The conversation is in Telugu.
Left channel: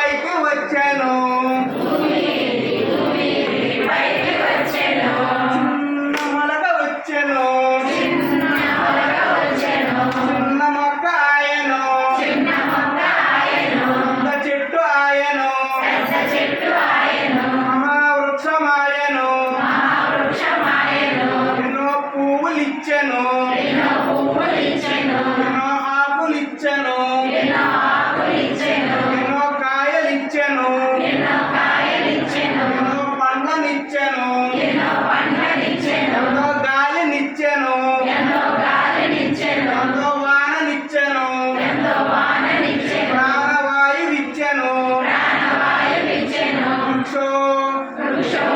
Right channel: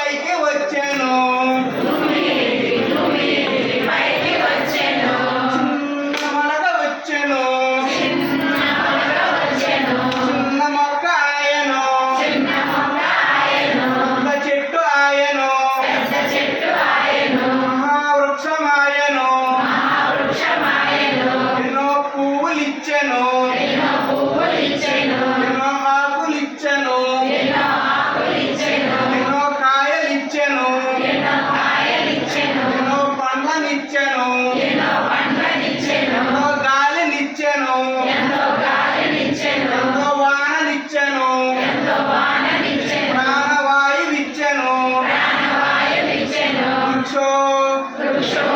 పైకి వచ్చాను చిన్న మొలక వచ్చాను చిన్న మొక్క ఆయను పెద్ద చెట్టు ఆయను మహావృక్షం ఆయను ఎన్నో పువ్వులు ఇచ్చాను ఎన్నో ఆకులు ఇచ్చాను ఎన్నో కాయలు ఇచ్చాను ఎన్నో పండ్లనిచ్చాను ఎంతో గాలినిచ్చాను ఎంతో వాననిచ్చాను ప్రాణవాయువిచ్చాను వృక్షో